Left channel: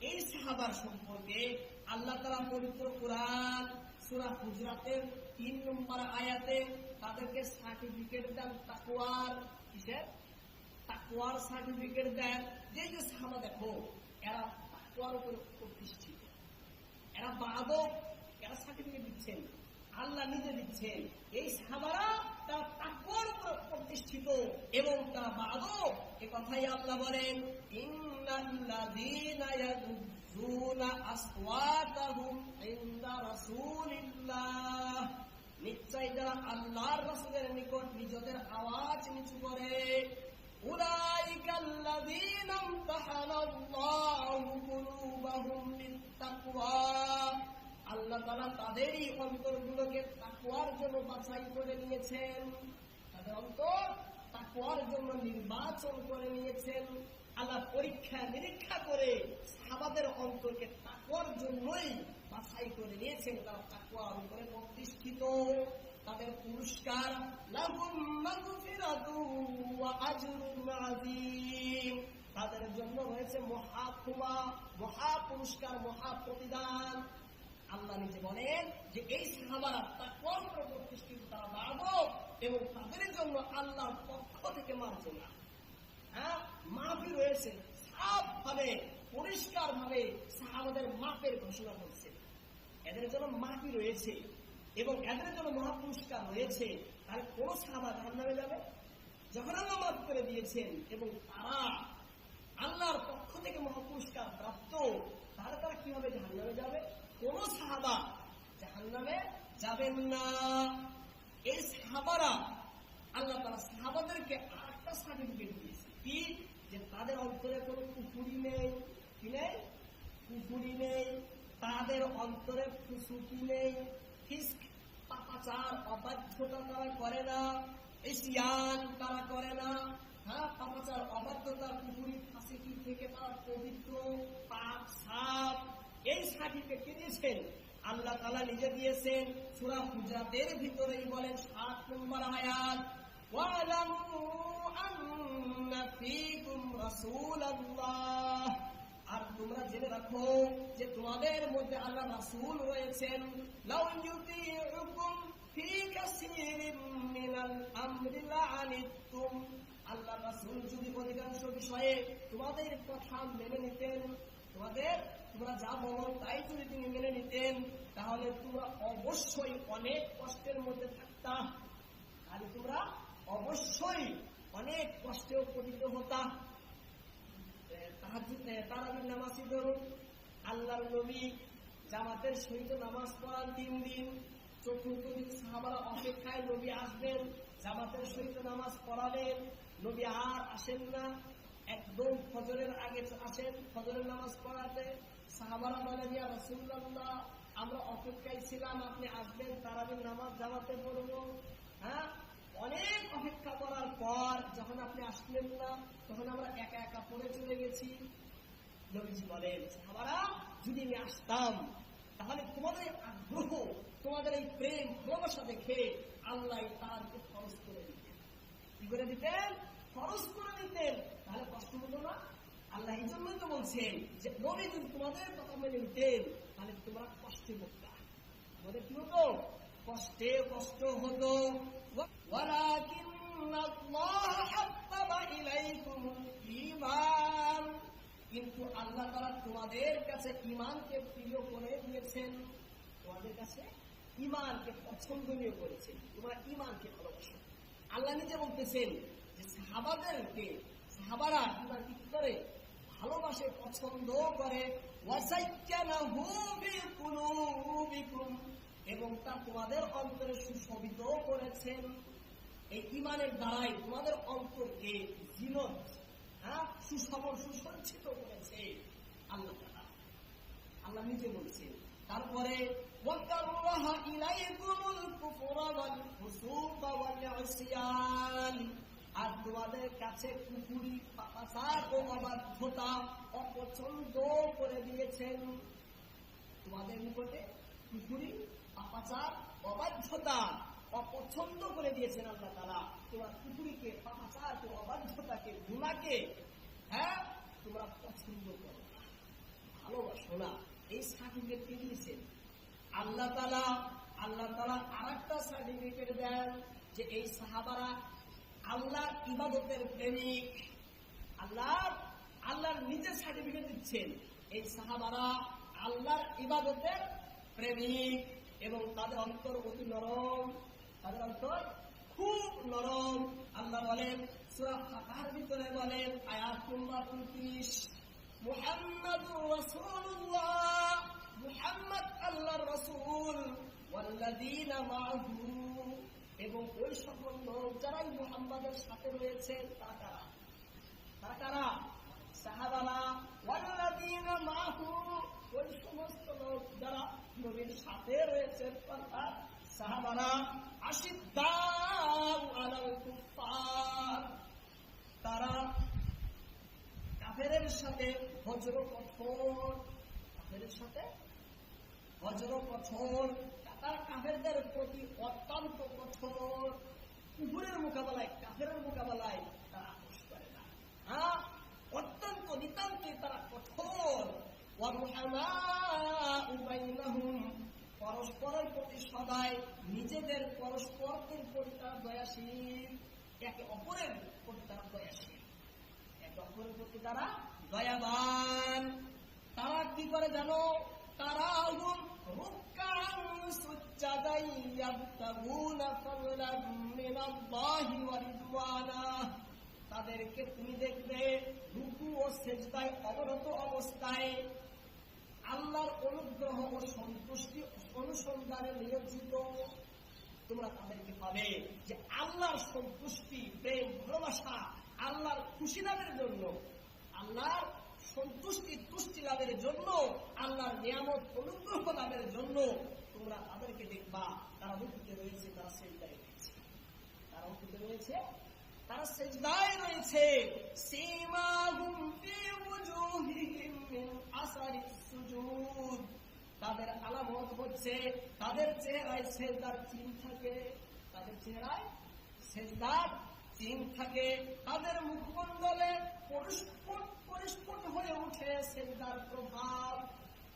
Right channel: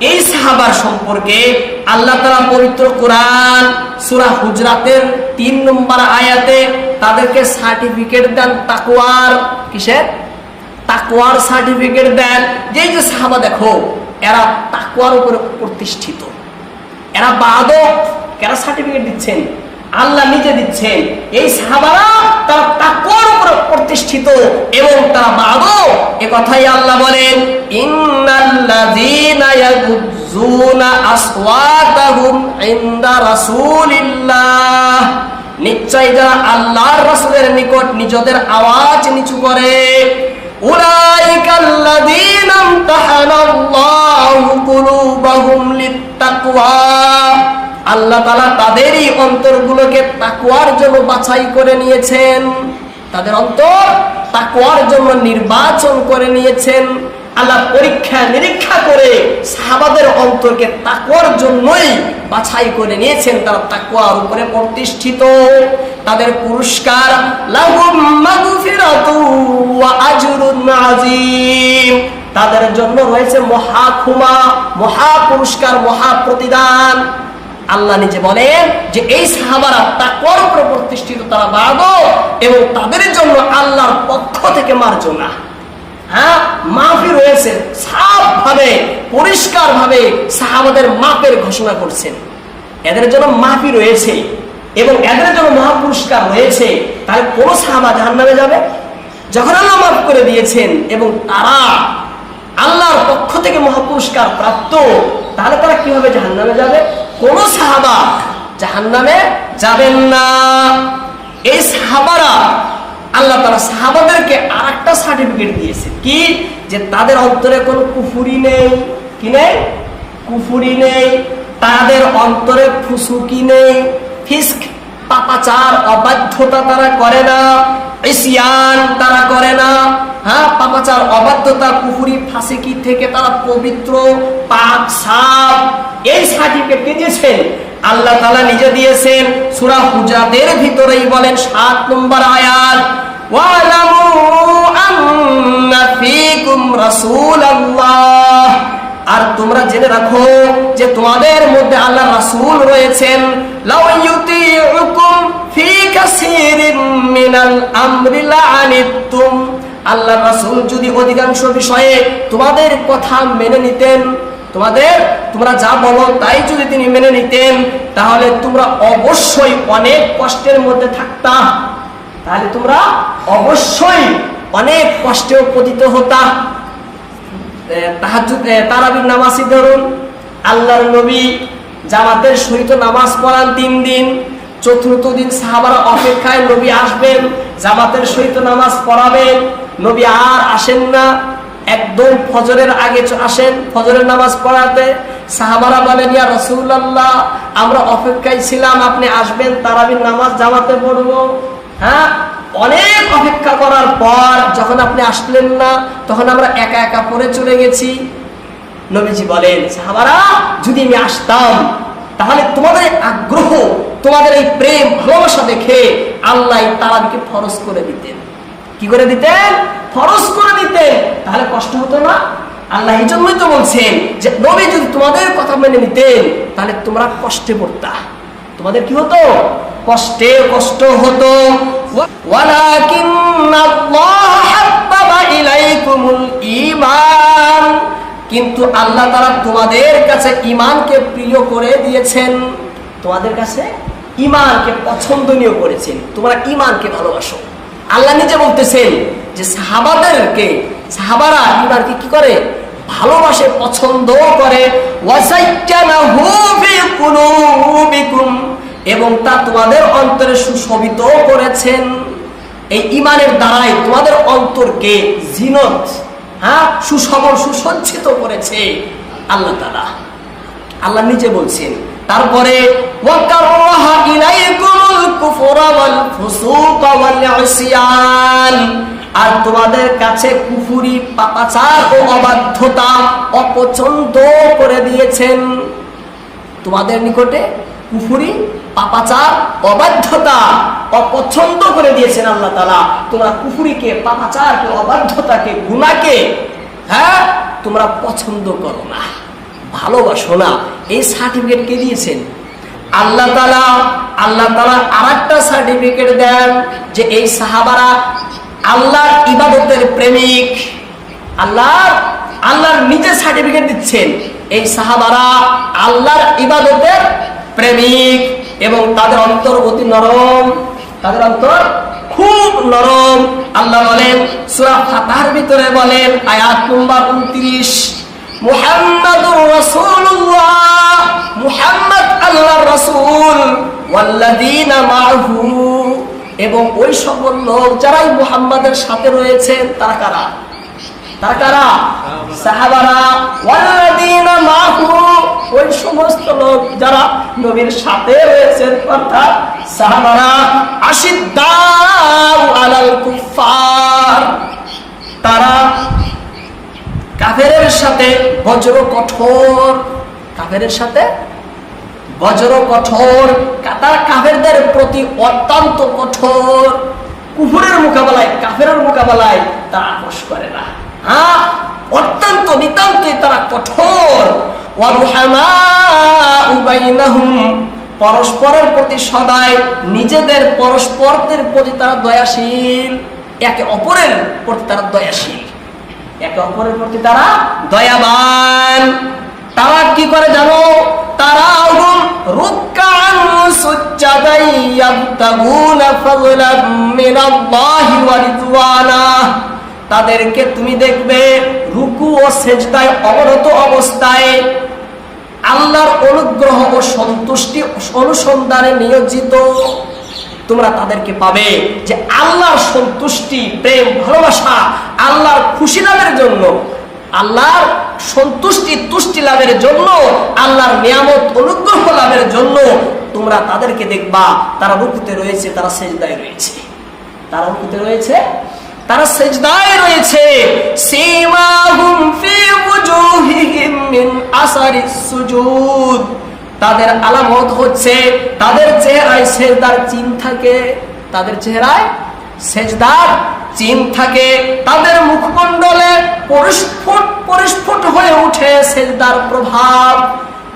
এই সাহাবার সম্পর্কে আল্লাহ তালা পবিত্র কোরআন সুরা হুজরাতের তিন নম্বর আয়াতে তাদেরকে সার্টিফিকেট দেন তাকুয়ার কিসের? তাকুয়ার সার্টিফিকেট দেন। যে যে সাহাবা দেখো, এরা তাকুয়ার উপরে প্রতিষ্ঠিত। এরা বাদক। কেন সার্টিফিকেট দিচ্ছেন? আল্লাহ নিজে দিচ্ছেন। এই সাহাবারা তারা তাকওয়ার উপর প্রতিষ্ঠিত এবং তারা বাদক এ কথাই আল্লাহ বলেন, ইন্নাল্লাযীনা ইয়াগুযুনা আসওয়াতাহুম ইনদা রাসূলিল্লাহ। নিশ্চয় যারা আল্লাহর রাসূলের নিকট নিজেদের আওয়াজ নিচু করে, উলাইকাল্লাযীনা ইমতাহানাল্লাহু কুলুবাহুম লিত্তাকওয়া। আল্লাহ তালা তাদেরই অন্তরগুলোকে তাকুয়ার জন্য বাছাই করে নিয়েছেন। তাদের অন্তর তাকুয়ার জন্য নির্বাচন করে নিয়েছেন। আল্লাহ পরীক্ষা নিরীক্ষা করে সাহাবাদের অন্তরকে তাকুয়ার জন্যই বাছাই করে নিয়েছেন। তারা তাকুয়ার উপরে প্রতিষ্ঠিত। তাদের পুরস্কার তাদের জন্য রয়েছে মহা ক্ষমা, মহা পুরস্কার, মহা প্রতিদান। আল্লাহ নিজে বলেন যে এই সাহাবারা তাকওয়ার উপরে প্রতিষ্ঠিত, তারা বাড়বো এবং তাদের জন্য আল্লাহর পক্ষ থেকে মার্জনা। হ্যাঁ? মাফি রয়েছে সাফ ভাবে পরিষ্কার ভাবে সাহাবাদের মাপের ঘোষণা করছেন। এদের জন্য মাফি রয়েছে এবং এদের জন্য মহাপুরস্কার রয়েছে। তাহলে কোন সাহাবা জাহান নামে যাবে? যখন আল্লাহ মাফ করে দিয়েছেন এবং তারা আল্লাহর পক্ষ থেকে মহাপুরস্কার প্রাপ্ত, তাহলে তারা কীভাবে জাহান যাবে? কোন সাহাবা জাহান নামে যাবেন না। এই সাহাবারা আল্লাহ তারা সাহাবাদেরকে আর একটা সার্টিফিকেট দিয়েছে। কি? যে তাদের অন্তরে কোনো কুফুরি নেই। কি নেই? কুফুরি নেই। তাদের অন্তরে ফুসুকি নেই। ফিস্ক, পাপাচার, অবাধ্যতা তারা করে না। ইসিয়ান তারা করে না। হ্যাঁ? পাপাচার, অবাধ্যতা, কুফুরি, ফাঁসিকি থেকে তারা পবিত্র, পাক, সাপ এই সার্টিফিকেট কে দিয়েছেন আল্লাহ তালা নিজে দিয়েছেন সুরা হুজাদের ভিতরেই বলেন সাত নম্বর আয়াত আর তোমরা জেনে রাখো যে তোমাদের মধ্যে আল্লাহ রাসূল রয়েছেন। আল্লাহ রাসূল যদি অধিকাংশ বিষয়ে তোমাদের কথা মেনে নিতেন তোমাদের, তোমরা যা বলো তাই যদি তিনি মেনে নিতেন, তাহলে তোমরা অবশ্যই অনেক কষ্টের মধ্যে থাকতা। তাহলে তোমরা অবশ্যই অনেক কষ্টেও পতিত হতা। তারাবির নামাজই ধরুন, আল্লাহর নবী জামাতের সহিত নামাজ পড়ান তিন দিন, চতুর্থ দিন সাহাবারা অপেক্ষায় নবী আসবেন, জামাতের সহিত নামাজ পড়াবেন, নবী আর আসেন না। একদম ফজরের আগে আসেন, ফজরের নামাজ পড়াতে। সাহাবারা বলেন, ইয়া রসুল্লাহ আমরা অপেক্ষায় ছিলাম, আপনি আসবেন, তারাবির নামাজ জামাতে পড়ব। হ্যাঁ? অনেক অপেক্ষা করার পর যখন আপনি আসলেন না, তখন আমরা একা একা পড়ে চলে গেছি। নবীজি বলেন, সাহাবারা, যদি আমি আসতাম, তাহলে তোমাদের আগ্রহ, তোমাদের এই প্রেম, ভালোবাসা দেখে আল্লাহ তারাবিকে ফরজ করে দিতেন। কি করে দিতেন? ফরজ করে দিতেন তাহলে কষ্ট হতো না। আল্লাহ এই জন্যই তো বলছেন যে, নবী যদি তোমাদের কথা মেনে নিতেন, তাহলে তোমরা কষ্টে পড়তা। তোমাদের কি হতো? কষ্টে কষ্ট হতো। কিন্তু আল্লাহ তারা তোমাদের কাছে ইমানকে প্রিয় করে দিয়েছেন। তোমাদের কাছে ইমানকে পছন্দনীয় করেছেন। তোমরা ইমানকে ভালোবাসো। আল্লাহ নিজে বলতেছেন যে সাহাবাদেরকে, সাহাবারা ইমানকে কি করে? ভালোবাসে, পছন্দ করে। এবং তা তোমাদের অন্তরে সুশোভিত করেছেন। এই ইমানের দ্বারাই তোমাদের অন্তরকে জিনত হ্যাঁ? সুসবল সুসজ্জিত করেছে আল্লাহ তালা আল্লাহ নিজে বলছেন, তারপরে ইলাইকুমুল আর তোমাদের কাছে কুফুরি পাপাচার ও অবাধ্যতা অপছন্দ করে দিয়েছেন। তোমাদের নিকটে কুফুরি, পাপাচার, অবাধ্যতা অপছন্দ করে দিয়েছেন আল্লাহ তালা তোমরা কুফুরিকে, পাপাচারকে, অবাধ্যতাকে গুণাকে হ্যাঁ তোমরা পছন্দ করো না, ভালোবাসো না। এই সার্টিফিকেট কে দিয়েছেন? আল্লাহ তালা আল্লাহ তালা আর একটা সার্টিফিকেট দেন যে এই সাহাবারা আল্লাহর ইবাদতের প্রেমিক। আল্লাহর আল্লাহর নিজে সার্টিফিকেট দিচ্ছেন। এই সাহাবারা আল্লাহর ইবাদতের প্রেমিক এবং তাদের অন্তর অতি নরম, তাদের অন্তর খুব নরম। আল্লাহ বলেন, সূরা ফাতাহার ভিতরে বলেন, আয়াত নম্বর 29 মুহাম্মাদুর রাসূলুল্লাহ। রাসূল, ওয়াল্লাযীনা মাআহু এবং ওই সকল লোক যারাই মুহাম্মাদের সাথে রয়েছেন তারা কারা? তারা কারা? সাহাবারা, ওয়াল্লাযীনা মাহু, ওই সমস্ত লোক যারা নবীর সাথে রয়েছেন অর্থাৎ সাহাবারা, আশিদ্দাউ আলাল কুফার তারা কাফেরের সাথে বজ্র কঠোর, কাফেরের সাথে বজ্র কঠোর তারা কাফেরদের প্রতি অত্যন্ত কঠোর। কুফুরের মোকাবেলায়, কাফেরের মোকাবেলায় তারা আপোষ করে না। হ্যাঁ? অত্যন্ত নিতান্তই তারা কঠোর। পরস্পরের প্রতি সদায় নিজেদের পরস্পরদের প্রতি তারা দয়াশীল। একে অপরের প্রতি তারা দয়াশীল। একে অপরের প্রতি তারা দয়াবান। তারা কি করে জানো? ইয়াবতাগুনা ফাযলাম মিনাল্লাহি ওয়া রিদওয়ানা। তাদেরকে তুমি দেখবে রুকু ও সেজদায় অবরত অবস্থায়। আল্লাহর অনুগ্রহ ও সন্তুষ্টি অনুসন্ধানে নিয়োজিত। তোমরা তাদেরকে পাবে যে আল্লাহর সন্তুষ্টি, প্রেম, ভালোবাসা, আল্লাহর খুশি লাভের জন্য, আল্লাহর সন্তুষ্টি, তুষ্টি লাভের জন্য, আল্লাহর নিয়ামত অনুগ্রহ জন্য তোমরা তাদেরকে দেখবা, তারা রুকুতে রয়েছে, তারা সেজদায় রয়েছে। তারা রুকুতে রয়েছে, তারা সেজদায় রয়েছে। সীমাহুম ফি ওয়াজুহিহিম মিন আসারিস সুজুদ। তাদের আলামত হচ্ছে, তাদের চেহারায় সেজদার চিহ্ন থাকে, তাদের চেহারায় সেজদার চিহ্ন থাকে। তাদের মুখমণ্ডলে পরিস্ফুট পরিস্ফুট হয়ে উঠে সেজদার প্রভাব।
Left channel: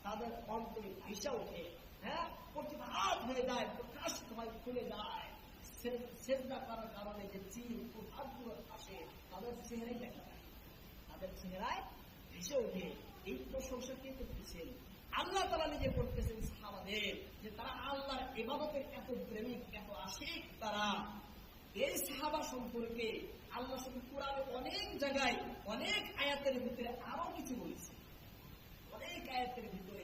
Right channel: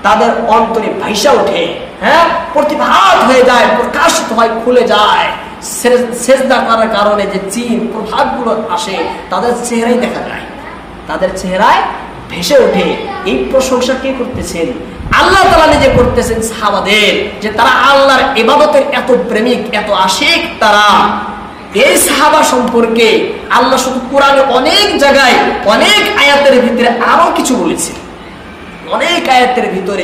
তাদের অন্তরে ভাইসা ওঠে হ্যাঁ? প্রতিভাত হয়ে যায় প্রকাশিত হয় খুলে যায়। সেজদা করার কারণে যে চিন প্রভাবগুলো আসে, তাদের চেহারাই দেখা যায়। তাদের চেহারায় ভেসে ওঠে। এই প্রশংসা কে করতেছেন? আল্লাহ তালা নিজে করতেছেন সাহাবাদের, যে তারা আল্লাহর ইবাদতের এত প্রেমিক, এত আশিক তারা। এই সাহাবা সম্পর্কে আল্লাহ শুধু কোরআনে অনেক জায়গায়, অনেক আয়াতের ভিতরে আরও কিছু বলেছে অনেক আয়াতের ভিতরে